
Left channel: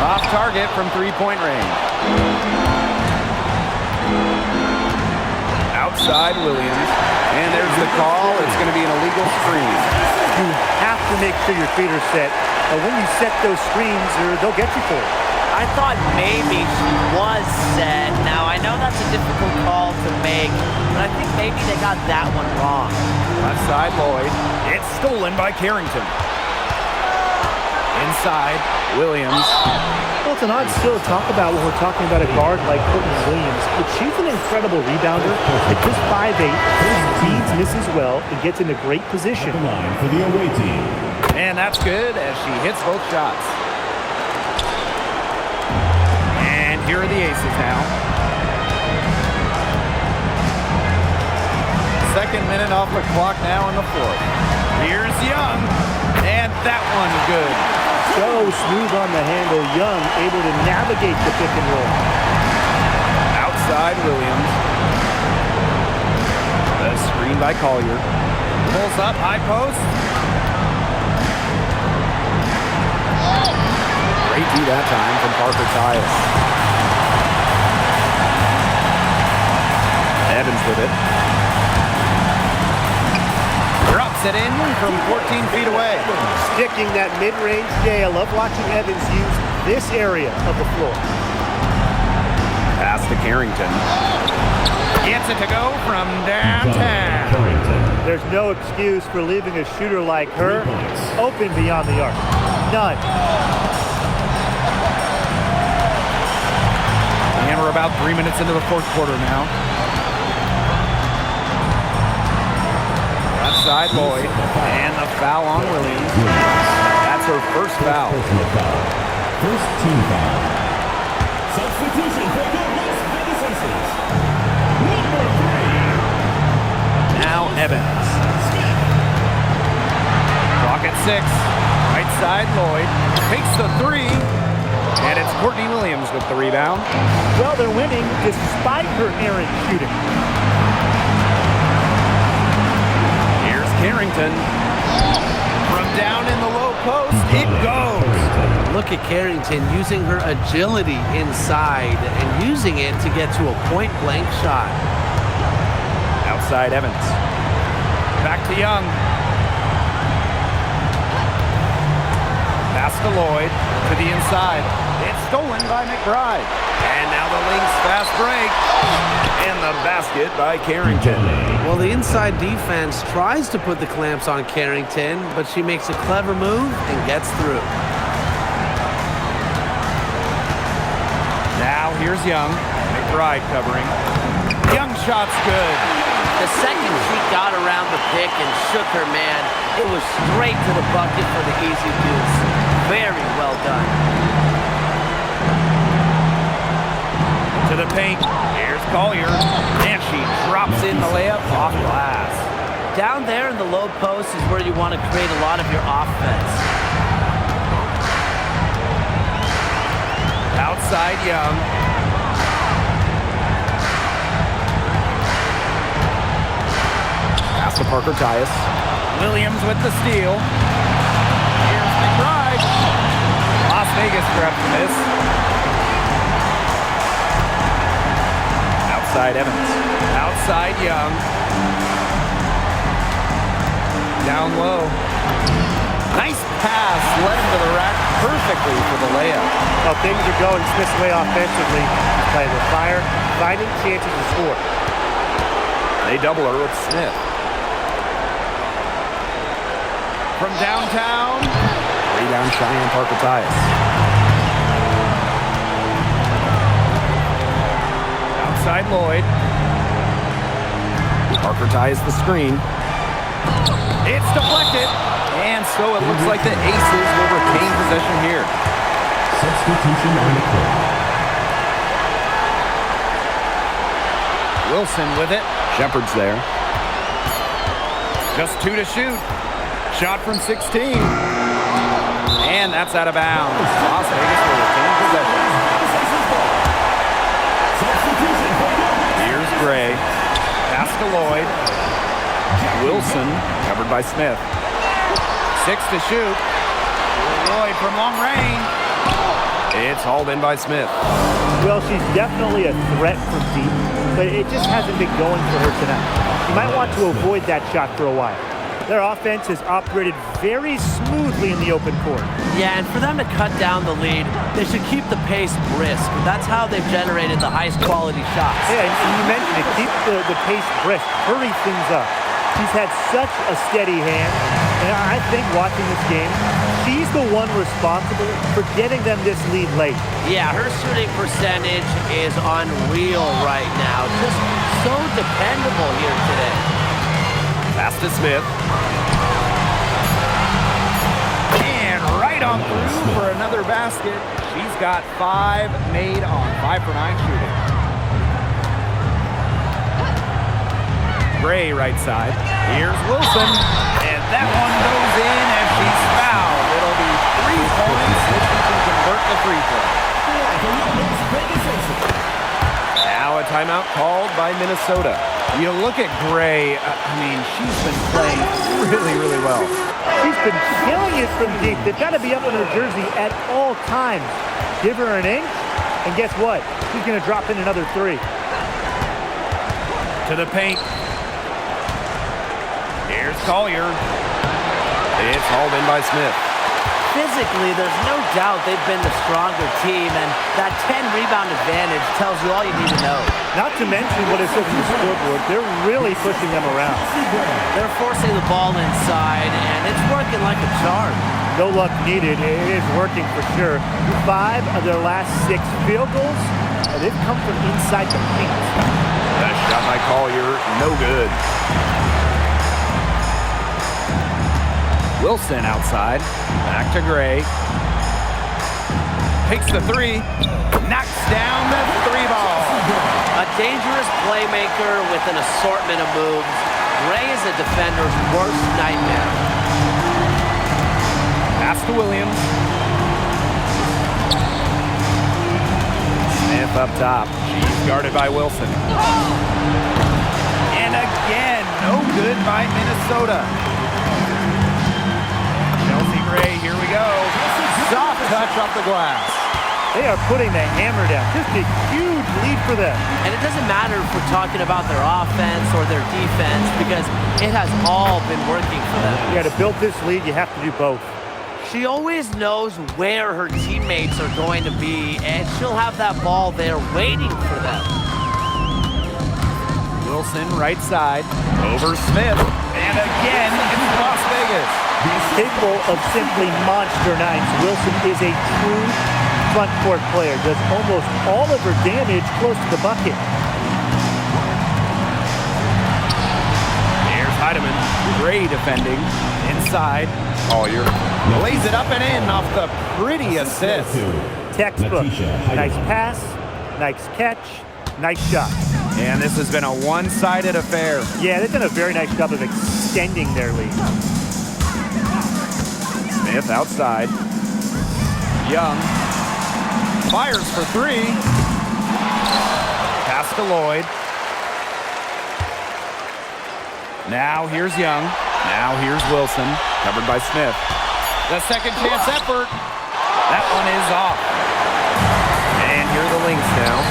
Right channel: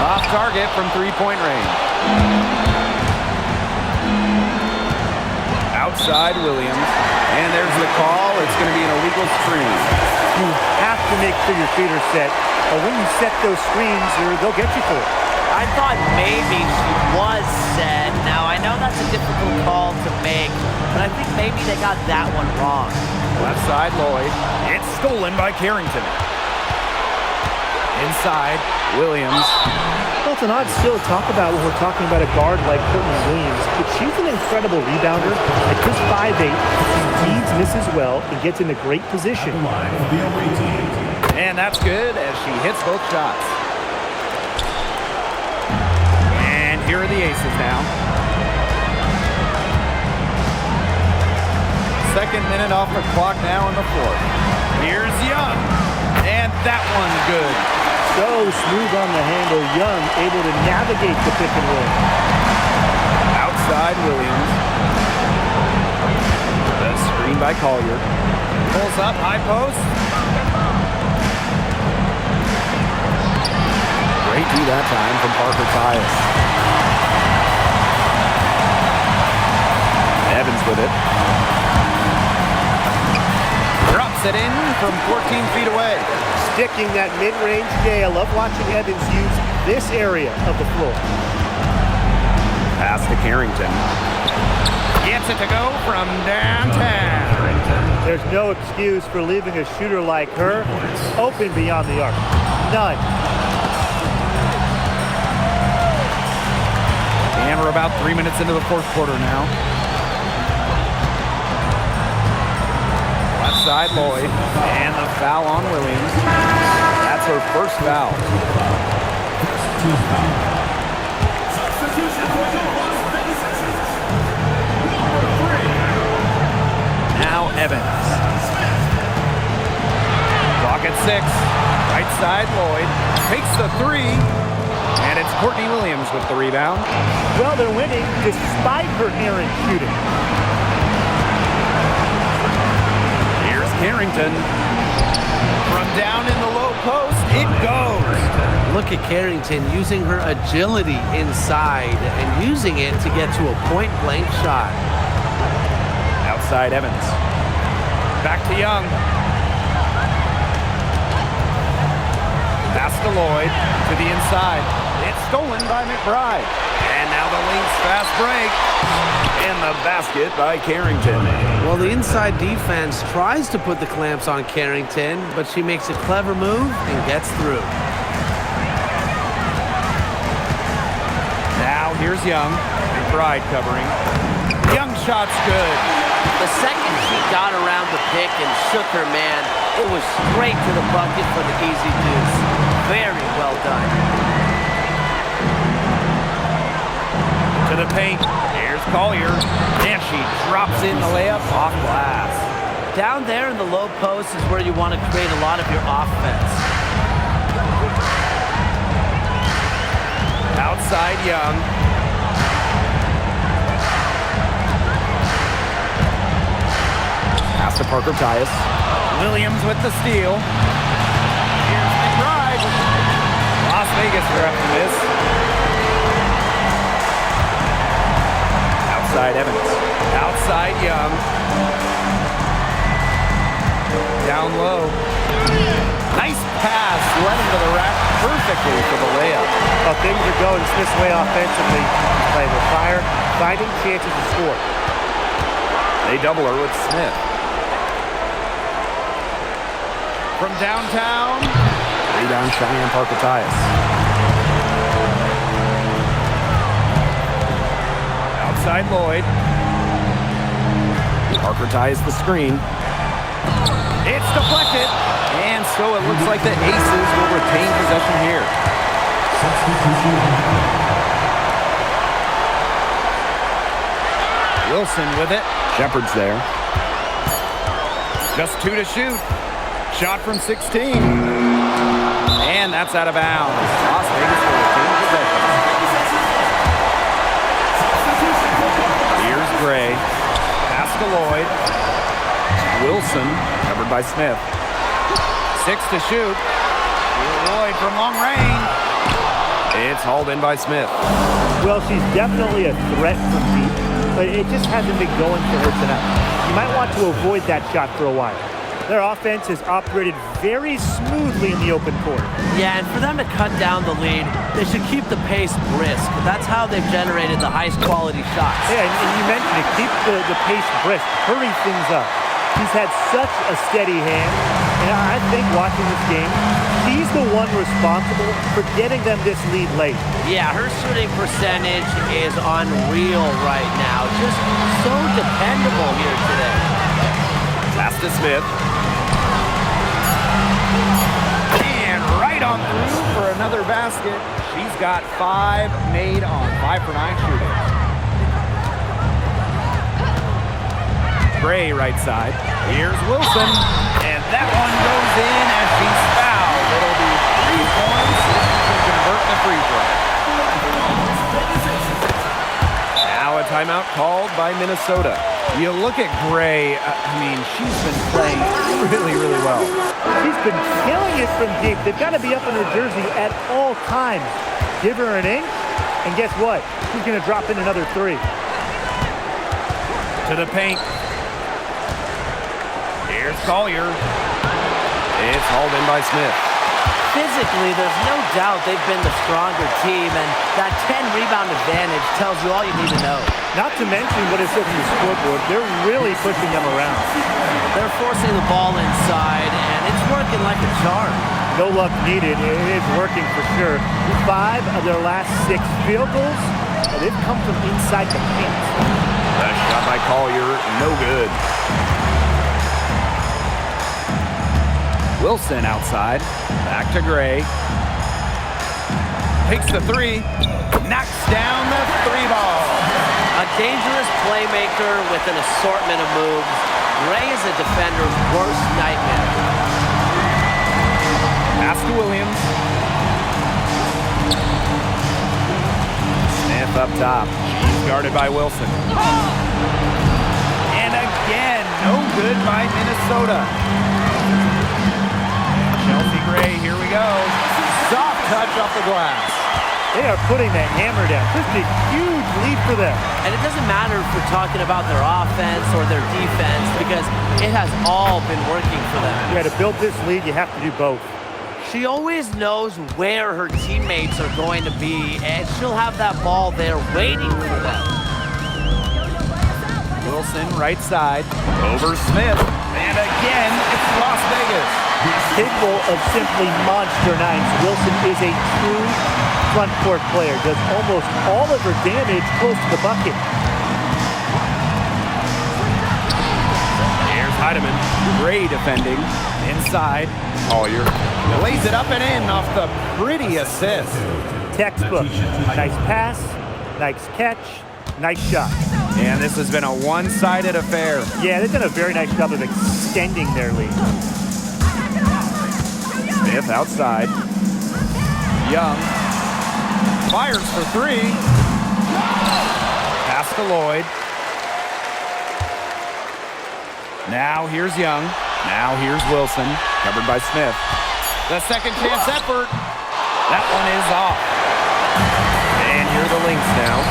Off target from three-point range. Outside Williams. And there's the call. It's going to be an illegal screen. You have to make sure your feet are set. But when you set those screens, they'll get you for it. I thought maybe she was set. Now, I know that's a difficult call to make, but I think maybe they got that one wrong. Left side, Lloyd. It's stolen by Carrington. Inside, Williams. Well, it's an odd skill to talk about when we're talking about a guard like Courtney Williams, but she's an incredible rebounder. At just 5'8", she reads misses well and gets in a great position. Line for the away team. And that's good as she hits both shots. And here are the Aces now. Second minute off the clock now in the fourth. Here's Young. And that one good. So smooth on the handle. Young able to navigate the pick and roll. Outside Williams. The screen by Collier. Pulls up, high post. Great D that time from Parker Tyus. Evans with it. Drops it in from 14 feet away. Sticking that mid-range J. I love watching Evans use this area of the floor. Pass to Carrington. Gets it to go from downtown. There's no excuse for leaving a shooter like her open beyond the arc. None. And we're about 3 minutes into the fourth quarter now. Left side, Lloyd. And the foul on Williams. That's her first foul. First team foul. Substitution for the Las Vegas Aces. Number 3. Now Evans. Clock at 6. Right side, Lloyd. Takes the 3. And it's Courtney Williams with the rebound. Well, they're winning despite her errant shooting. Here's Carrington. From down in the low post, it goes. Look at Carrington using her agility inside and using it to get to a point-blank shot. Outside Evans. Back to Young. Pass to Lloyd to the inside. It's stolen by McBride. And now the Lynx fast break. And the basket by Carrington. Well, the inside defense tries to put the clamps on Carrington, but she makes a clever move and gets through. Now here's Young. McBride covering. Young shot's good. The second she got around the pick and shook her man, it was straight to the bucket for the easy deuce. Very well done. To the paint. Here's Collier. And she drops in the layup off glass. Down there in the low post is where you want to create a lot of your offense. Outside Young. Pass to Parker Tyus. Williams with the steal. Here's McBride. Las Vegas grabs the miss. Outside Evans. Outside Young. Down low. Nice pass. Led him to the rack perfectly for the layup. Well, things are going Smith's way offensively. He's playing with fire, finding chances to score. They double her with Smith. From downtown. Rebound Cheyenne Parker Tyus. Outside Lloyd. Parker ties the screen. It's deflected. And so it looks like the Aces will retain possession here. Substitution on the court. Wilson with it. Shepard's there. Just 2 to shoot. Shot from 16. And that's out of bounds. Las Vegas will retain possession. Here's Gray. Pass to Lloyd. Wilson covered by Smith. 6 to shoot. Lloyd from long range. It's hauled in by Smith. Well, she's definitely a threat from deep, but it just hasn't been going for her tonight. You might want to avoid that shot for a while. Their offense has operated very smoothly in the open court. Yeah, and for them to cut down the lead, they should keep the pace brisk. That's how they've generated the highest quality shots. Yeah, and you mentioned it. Keep the pace brisk. Hurry things up. She's had such a steady hand, and I think watching this game, she's the one responsible for getting them this lead late. Yeah, her shooting percentage is unreal right now. Just so dependable here today. Pass to Smith. And right on through for another basket. She's got 5 made on 5 for 9 shooting. Gray right side. Here's Wilson. And that one goes in as she's fouled. It'll be 3 points if she can convert the free throw. Now a timeout called by Minnesota. You look at Gray, I mean, she's been playing really, really well. She's been killing it from deep. They've got to be up in her jersey at all times. Give her an inch, and guess what? She's going to drop in another 3. To the paint. Here's Collier. It's hauled in by Smith. Physically, there's no doubt they've been the stronger team, and that 10-rebound advantage tells you all you need to know. Not to mention what it says on the scoreboard, they're really pushing them around. They're forcing the ball inside, and it's working like a charm. No luck needed. It is working for sure. 5 of their last 6 field goals, they've come from inside the paint. That shot by Collier, no good. Wilson outside. Back to Gray. Takes the 3. Knocks down the 3 ball. A dangerous playmaker with an assortment of moves. Gray is a defender's worst nightmare. Pass to Williams. Smith up top. She's guarded by Wilson. And again, no good by Minnesota. Chelsea Gray, here we go. Soft touch off the glass. They are putting the hammer down. Just a huge lead for them. And it doesn't matter if we're talking about their offense or their defense because it has all been working for them. Yeah, to build this lead, you have to do both. She always knows where her teammates are going to be, and she'll have that ball there waiting for them. Wilson, right side, over Smith. And again, it's Las Vegas. Capable of simply monster nights, Wilson is a true front court player. Does almost all of her damage close to the bucket. Here's Heidemann. Gray defending. Inside. Collier lays it up and in off the pretty assist. Textbook. Nice pass, nice catch, nice shot. And this has been a one-sided affair. Yeah, they've done a very nice job of extending their lead. Smith outside. Young fires for three. Pass to Lloyd. Now here's Young. Now here's Wilson. Covered by Smith. The second chance effort. That one is off. And here are the Lynx now.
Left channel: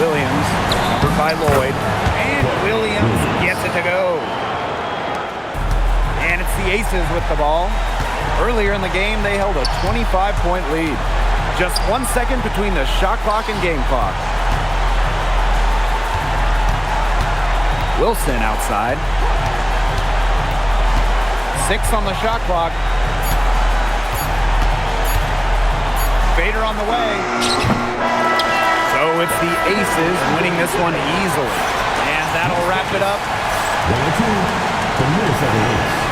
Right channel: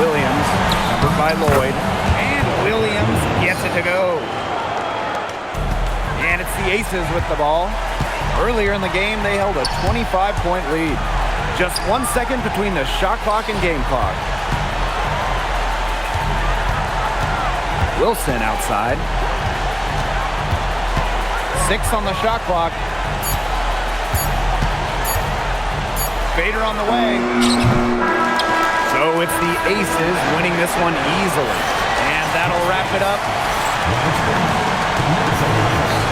Williams, covered by Lloyd. And Williams gets it to go. And it's the Aces with the ball. Earlier in the game, they held a 25-point lead. Just 1 second between the shot clock and game clock. Wilson outside. 6 on the shot clock. Fader on the way. So it's the Aces winning this one easily. And that'll wrap it up. Round 2, the Minnesota Lynx.